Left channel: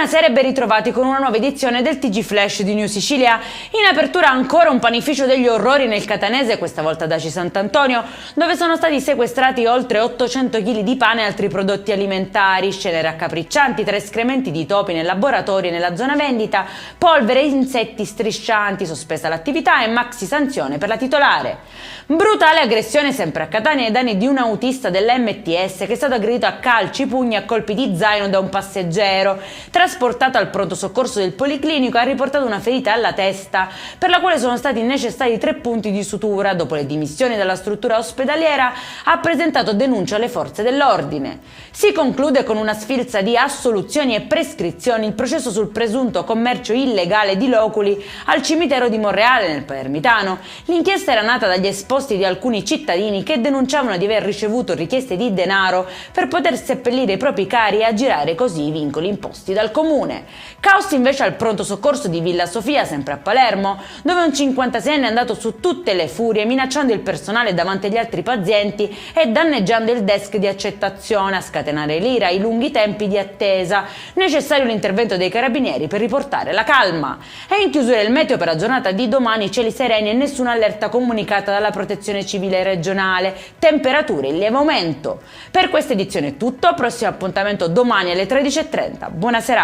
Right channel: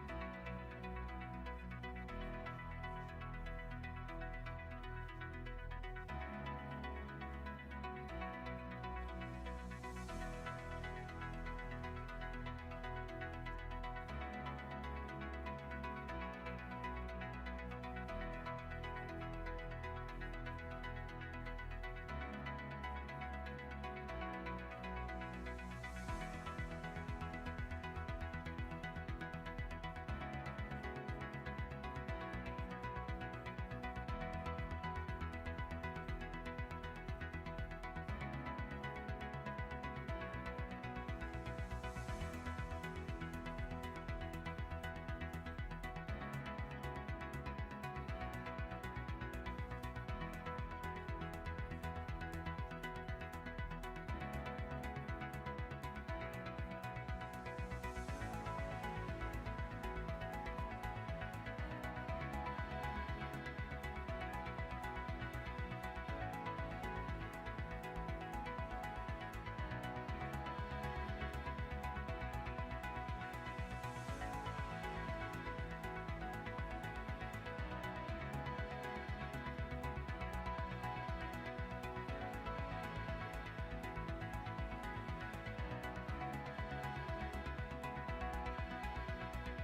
Buonasera e ben ritrovati con una nuova edizione del TG Flash di New Sicilia. In apertura ancora un panificio degli orrori nel catanese, questa volta ad Aci Sant'Antonio, dove sono stati sequestrati oltre 800 kg di pane e altri prodotti alimentari, scene raccapriccianti tra escrementi di topi nel laboratorio e nella zona vendita, polvere e insetti striscianti, sospesa l'attività e maxi sanzione per la titolare. Brutale aggressione sempre a Catania ai danni di un autista dell'MTS che è stato aggredito a calci, pugni e a colpi di zaino da un passeggero. Trasportato al pronto soccorso del Policlinico, ha riportato una ferita alla testa, per la quale sono stati necessari 3 punti di sutura. Dopo le dimissioni dalla struttura ospedaliera, ha presentato denuncia alle forze dell'ordine. Si conclude con una sfilza di assoluzioni e prescrizioni il processo sul presunto commercio illegale di loculi al cimitero di Monreale nel Palermitano. L'inchiesta era nata dagli esposti di alcuni cittadini che denunciavano di aver ricevuto richieste di denaro per poter seppellire i propri cari e aggirare così i vincoli imposti dal comune. Caos invece al pronto soccorso di Villa Sofia, sempre a Palermo, dove un 56enne è andato su tutte le furie minacciando il personale davanti agli altri pazienti e danneggiando il desk di accettazione, a scatenare l'ira e i lunghi tempi di attesa. Necessario l'intervento dei carabinieri per riportare la calma. È in chiusura il meteo per la giornata di domani, cieli sereni e nessuna allerta comunicata dalla Protezione Civile regionale, temperature in lieve aumento. Per questa edizione è tutto, prossimo appuntamento domani alle 13:30. Buona serata!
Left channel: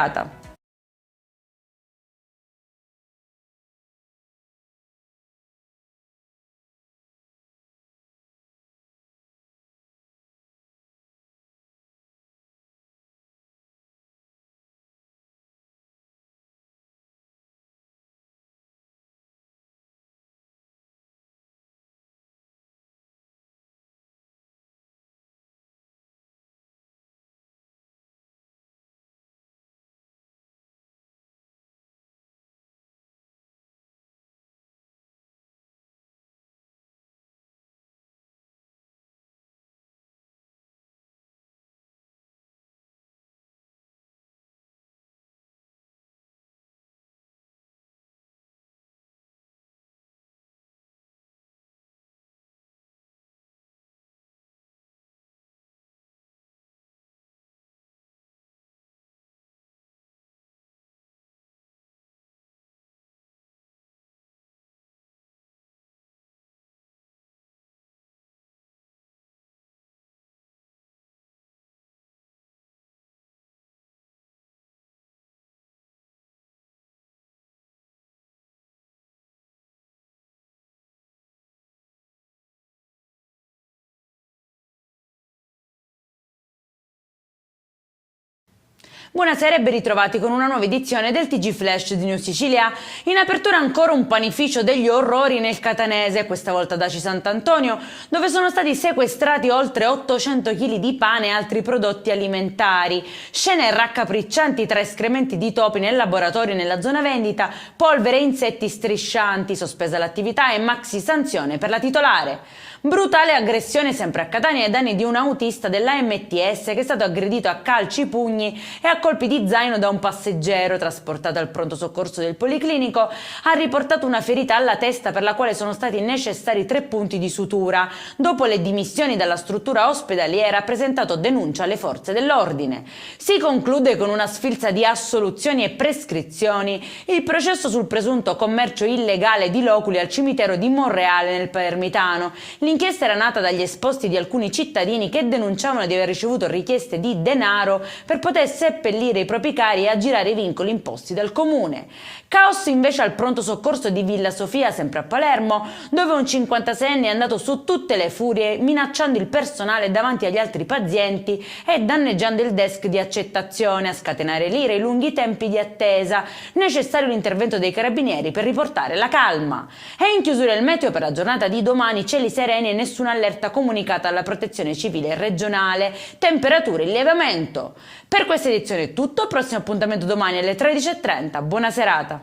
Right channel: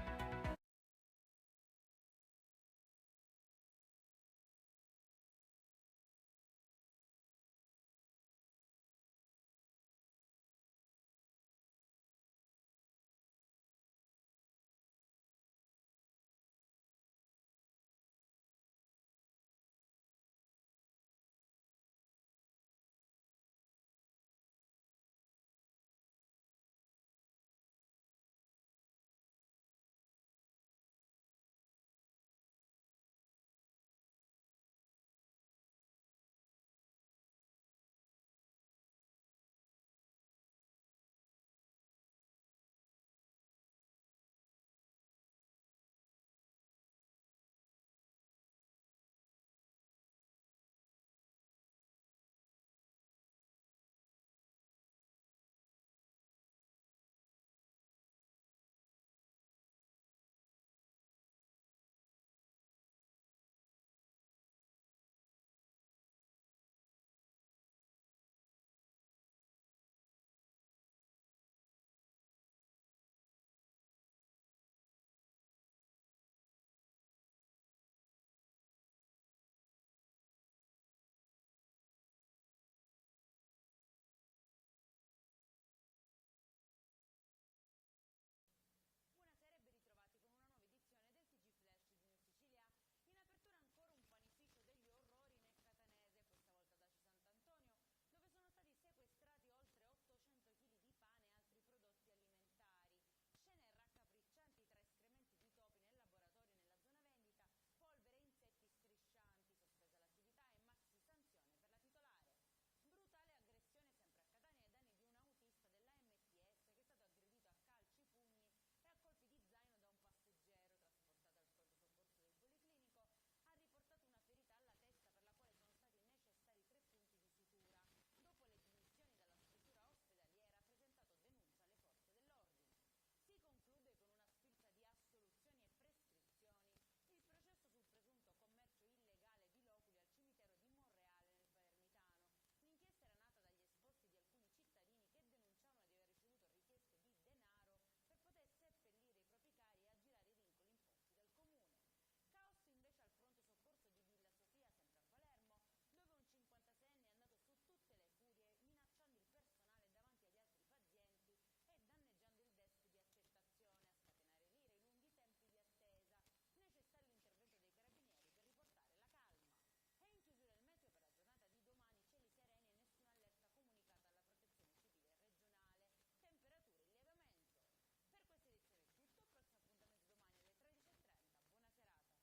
Buonasera e ben ritrovati con una nuova edizione del TG Flash di New Sicilia. In apertura ancora un panificio degli orrori nel catanese, questa volta ad Aci Sant'Antonio, dove sono stati sequestrati oltre 800 kg di pane e altri prodotti alimentari. Scene raccapriccianti tra escrementi di topi nel laboratorio e nella zona vendita, polvere e insetti striscianti, sospesa l'attività e maxi sanzione per la titolare. Brutale aggressione sempre a Catania ai danni di un autista dell'AMTS che è stato aggredito a calci, pugni e a colpi di zaino da un passeggero. Trasportato al pronto soccorso del Policlinico, ha riportato una ferita alla testa per la quale sono stati necessari 3 punti di sutura. Dopo le dimissioni dalla struttura ospedaliera, ha presentato denuncia alle forze dell'ordine. Si conclude con una sfilza di assoluzioni e prescrizioni il processo sul presunto commercio illegale di loculi al cimitero di Monreale nel Palermitano. L'inchiesta era nata dagli esposti di alcuni cittadini che denunciavano di aver ricevuto richieste di denaro per poter seppellire i propri cari e aggirare i vincoli imposti dal comune. Caos invece al pronto soccorso di Villa Sofia, sempre a Palermo, dove un 56enne è andato su tutte le furie minacciando il personale davanti agli altri pazienti e danneggiando il desk di accettazione, a scatenare l'ira e i lunghi tempi di attesa. Necessario l'intervento dei carabinieri per riportare la calma. È in chiusura il meteo per la giornata di domani, cieli sereni e nessuna allerta comunicata alla Protezione Civile regionale, temperature in lieve aumento. Per questa edizione è tutto, prossimo appuntamento domani alle 13:30. Buona serata.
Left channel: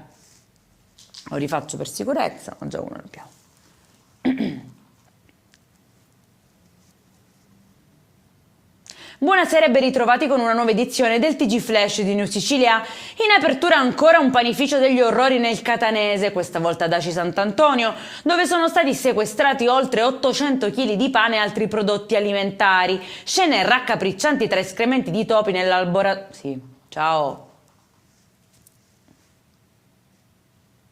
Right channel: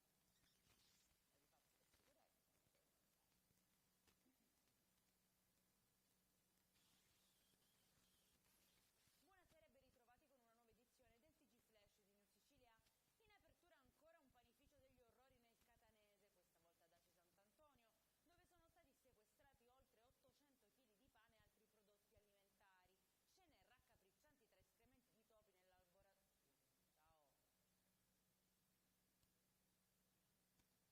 Lo rifaccio per sicurezza, ma già uno l'abbiamo. Buonasera e ben ritrovati con una nuova edizione del TG Flash di New Sicilia. In apertura ancora un panificio degli orrori nel catanese, questa volta ad Aci Sant'Antonio, dove sono stati sequestrati oltre 800 kg di pane e altri prodotti alimentari. Scene raccapriccianti tra escrementi di topi nel laboratorio. Sì, ciao.